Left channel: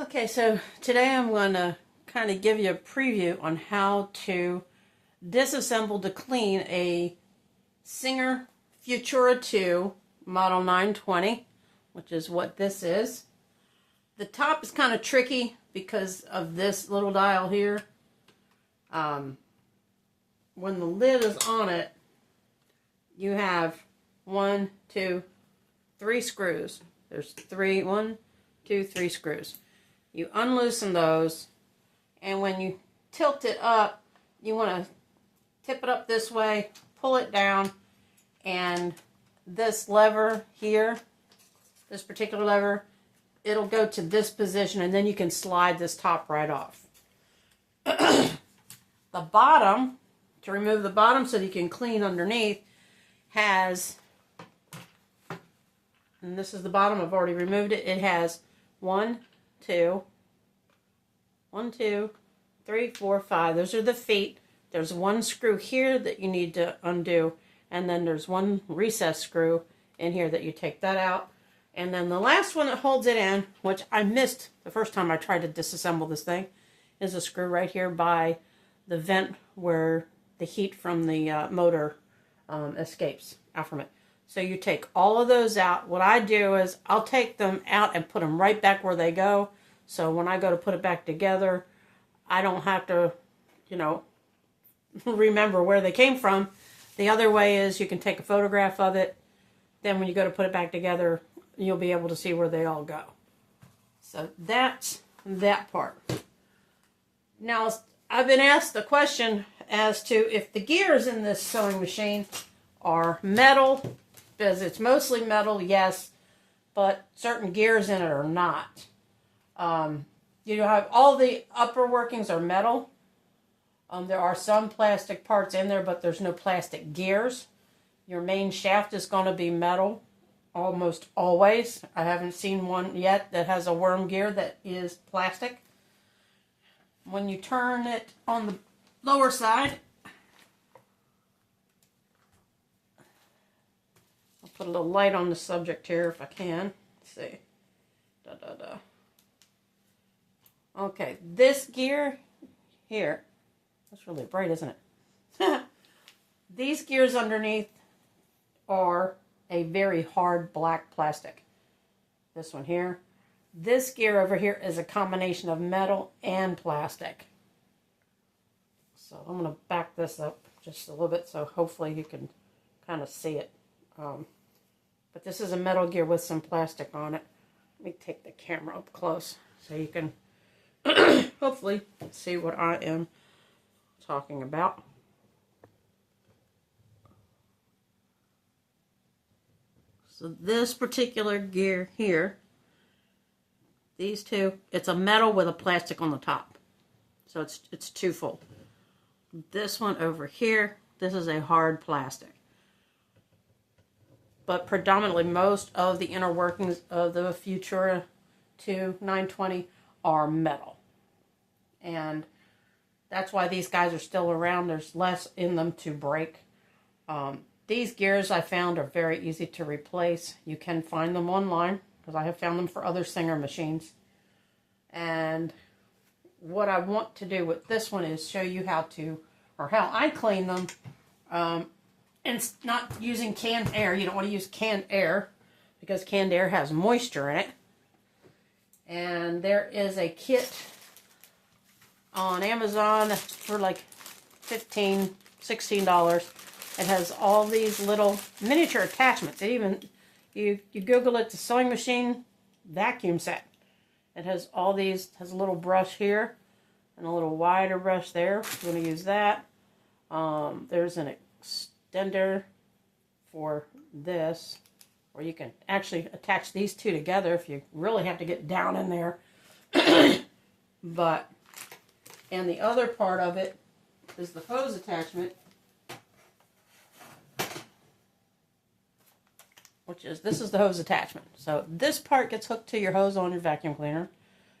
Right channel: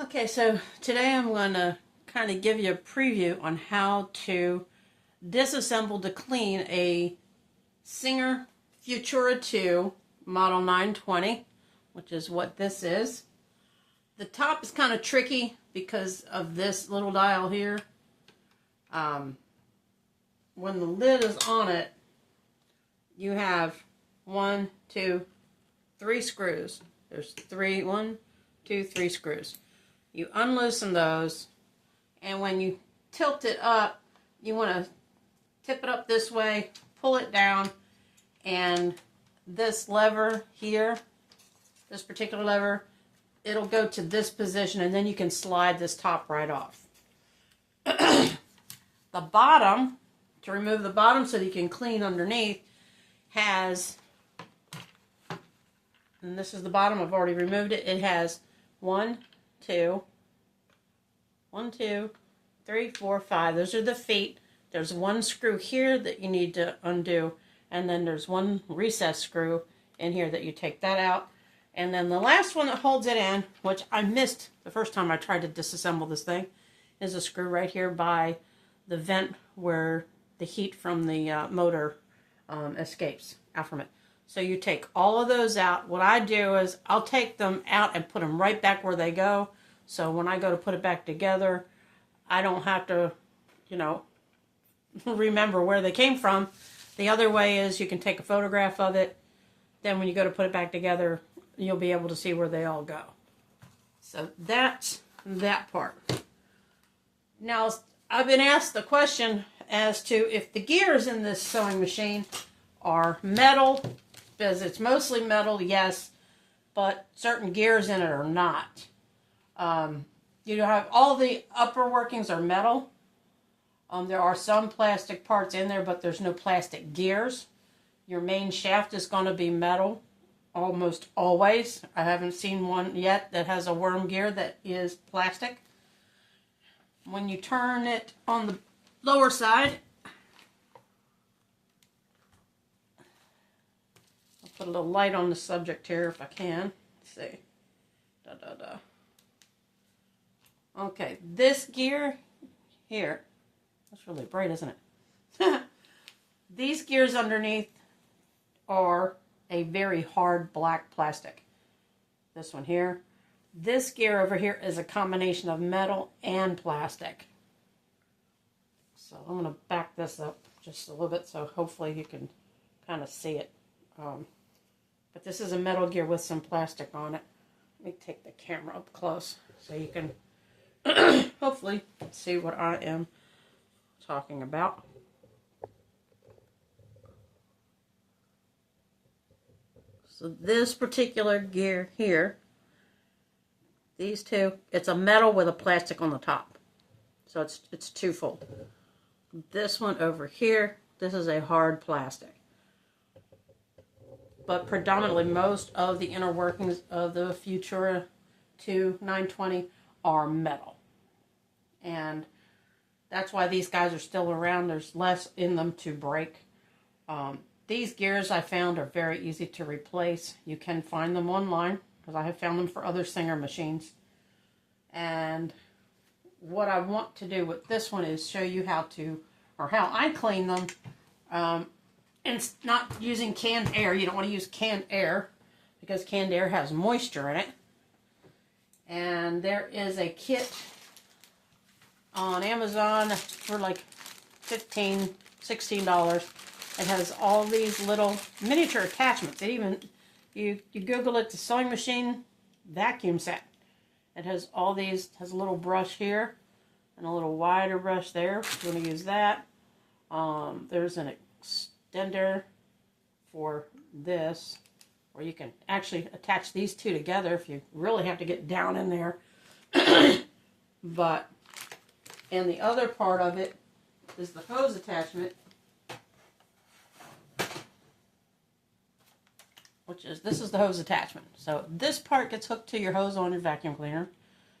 Okay, so today I'm going to kind of give you a preview on how to disassemble to clean a Singer Futura 2 Model 920, which is what this is. The top is kind of tricky because of this little dial here. When the lid is on it, you have 1, 2, 3 screws. There's 1, 2, 3 screws. You unloosen those, and when you tilt it up, you want to tip it up this way, pull it down, and this lever here, this particular lever, it'll go to this position, and then you can slide this top right off. The bottom, to remove the bottom so that you can clean underneath, has, and this is the bottom, I've already removed it, it has 1, 2, 3, 4, 5. Those are the feet. There's one screw here that you need to undo, and then there's one recessed screw in here that you take that out. And then the last one that holds it in, which I missed the first time I tried to disassemble this thing, is a screw right here by the vent where the heat from the motor escapes out from it. So you take all of those out. What I do is I'll take them out and put them right back where they go. So when I go to put it back together, I don't have to, remember where they came from. The other way is you can take a photograph of it. Then when you go to put it back together, you'll be able to see where they all go. So that's that part. Now, I've been asked the question as to if the gears in this sewing machine are metal, because it's mostly metal, yes, but certain gears in it are not. You have all the upper workings are metal. There are some plastic parts in there, but there's no plastic gears. Your main shaft is going to be metal almost always. I haven't seen one yet that has a worm gear that is plastic. When you turn it on the lower side, I'll put a little light on the subject here if I can. Let's see. Okay, this gear here, that's really bright, isn't it? These gears underneath are a very hard black plastic. This one here. This gear over here is a combination of metal and plastic. So I'm going to back this up just a little bit so hopefully you can kind of see it. But this is a metal gear with some plastic on it. Let me take the camera up close so you can hopefully see what I am talking about. So this particular gear here, these two, it's a metal with a plastic on the top. So it's twofold. This one over here, this is a hard plastic. But predominantly most of the inner workings of the Futura 2 920 are metal. And that's why these guys are still around. There's less in them to break. These gears I found are very easy to replace. You can find them online because I have found them for other Singer machines. And what I want to do with this one is show you how I clean them. And it's not using canned air. You don't want to use canned air because canned air has moisture in it. And there is a kit on Amazon for like $15, $16. It has all these little miniature attachments. It even, you Google it, the sewing machine vacuum set. It has all these, has a little brush here and a little wider brush there. We're going to use that. There's an extender for this, where you can actually attach these two together if you really have to get down in there. And the other part of it is the hose attachment, this is the hose attachment. So this part gets hooked to your hose on your vacuum cleaner,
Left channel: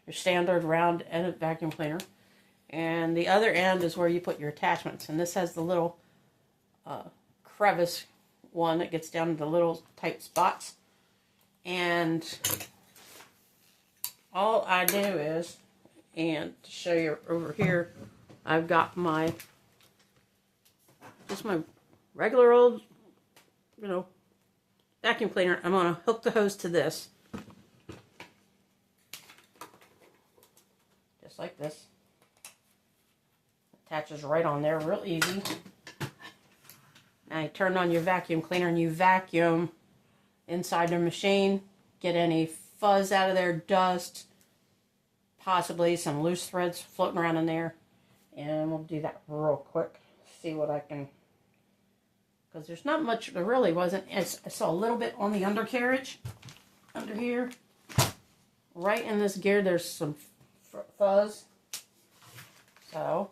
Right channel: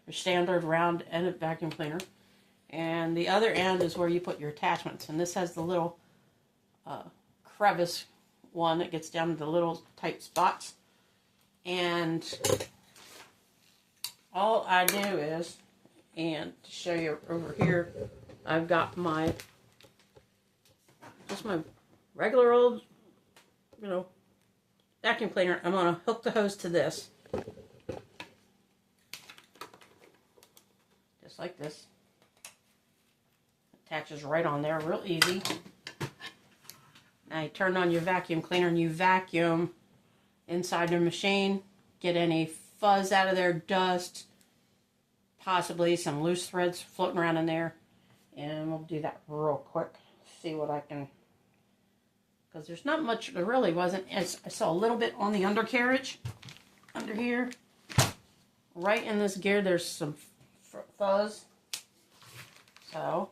your standard round end vacuum cleaner. And the other end is where you put your attachments. And this has the little crevice one that gets down to the little tight spots. And all I do is, and to show you over here, I've got my, just my regular old, vacuum cleaner. I'm going to hook the hose to this. Just like this. Attaches right on there, real easy. Now you turn on your vacuum cleaner and you vacuum inside the machine. Get any fuzz out of there, dust, possibly some loose threads floating around in there. And we'll do that real quick. See what I can, because there's not much, there really wasn't. I saw a little bit on the undercarriage, under here. Right in this gear, there's some fuzz. So,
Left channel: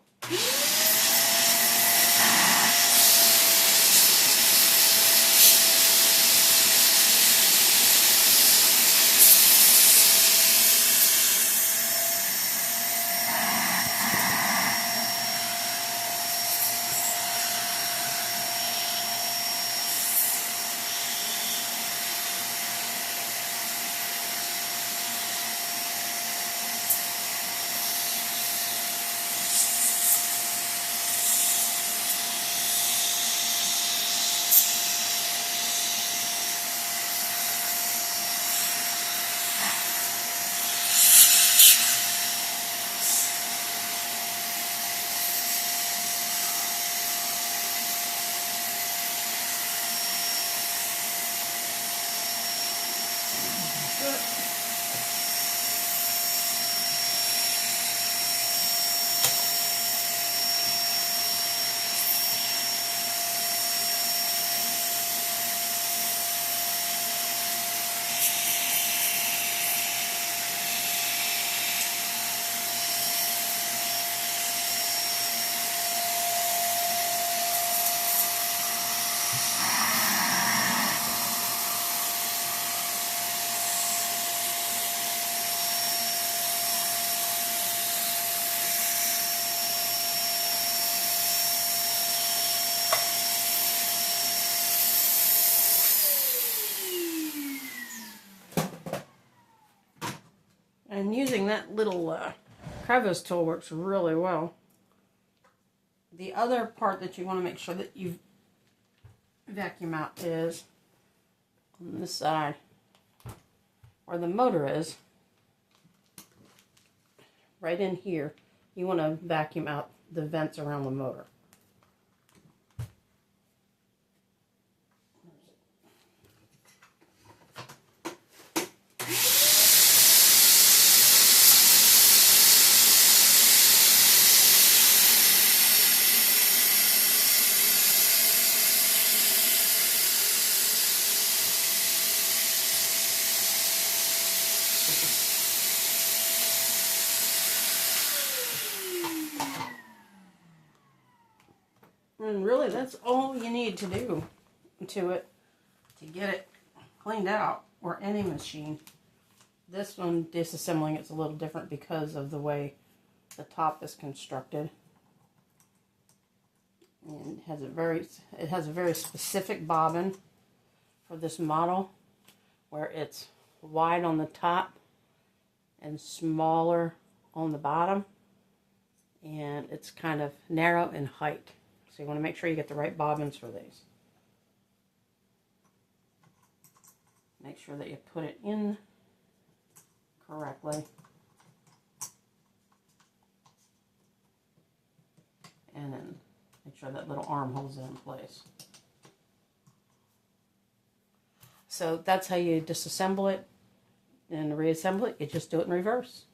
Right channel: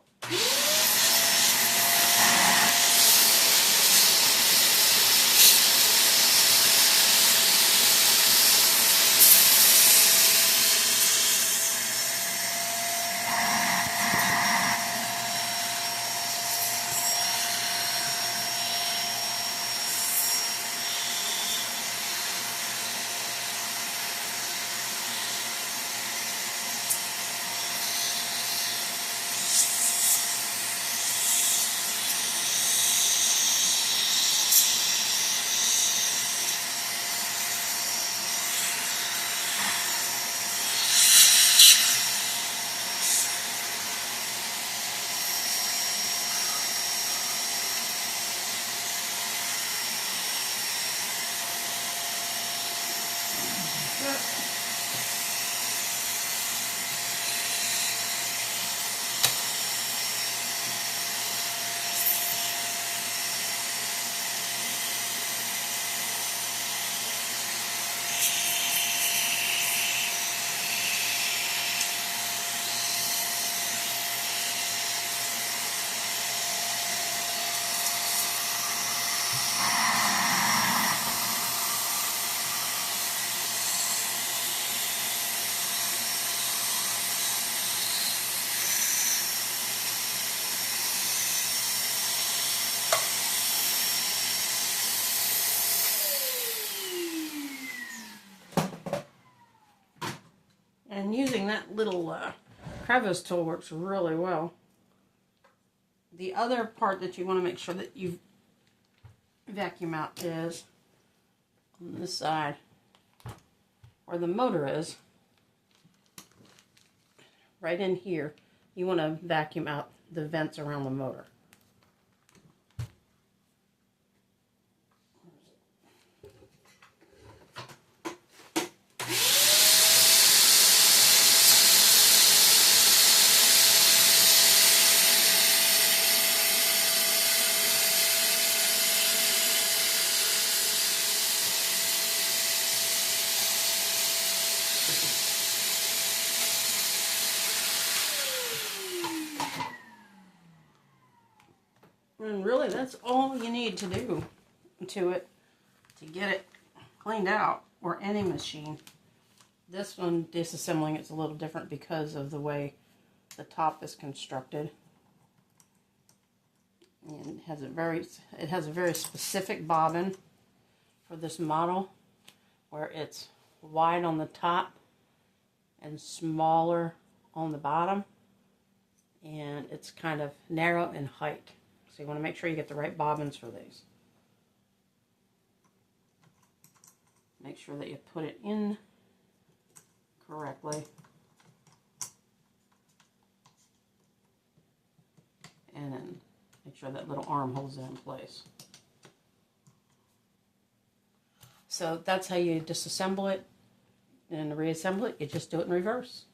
and using that little crevice tool works really well. The other part that you want to make sure that you vacuum out is on this side where the motor is. Right in here, you want to vacuum out the vents around the motor. And really, that's all you need to do to it to get it cleaned out, or any machine. This one, disassembling, it's a little different because of the way the top is constructed. And it has a very specific bobbin for this model, where it's wide on the top and smaller on the bottom, and it's kind of narrow in height. So you want to make sure you get the right bobbins for these. Make sure that you put it in correctly. And then make sure that little arm holds it in place. So that's how you disassemble it and reassemble it. You just do it in reverse.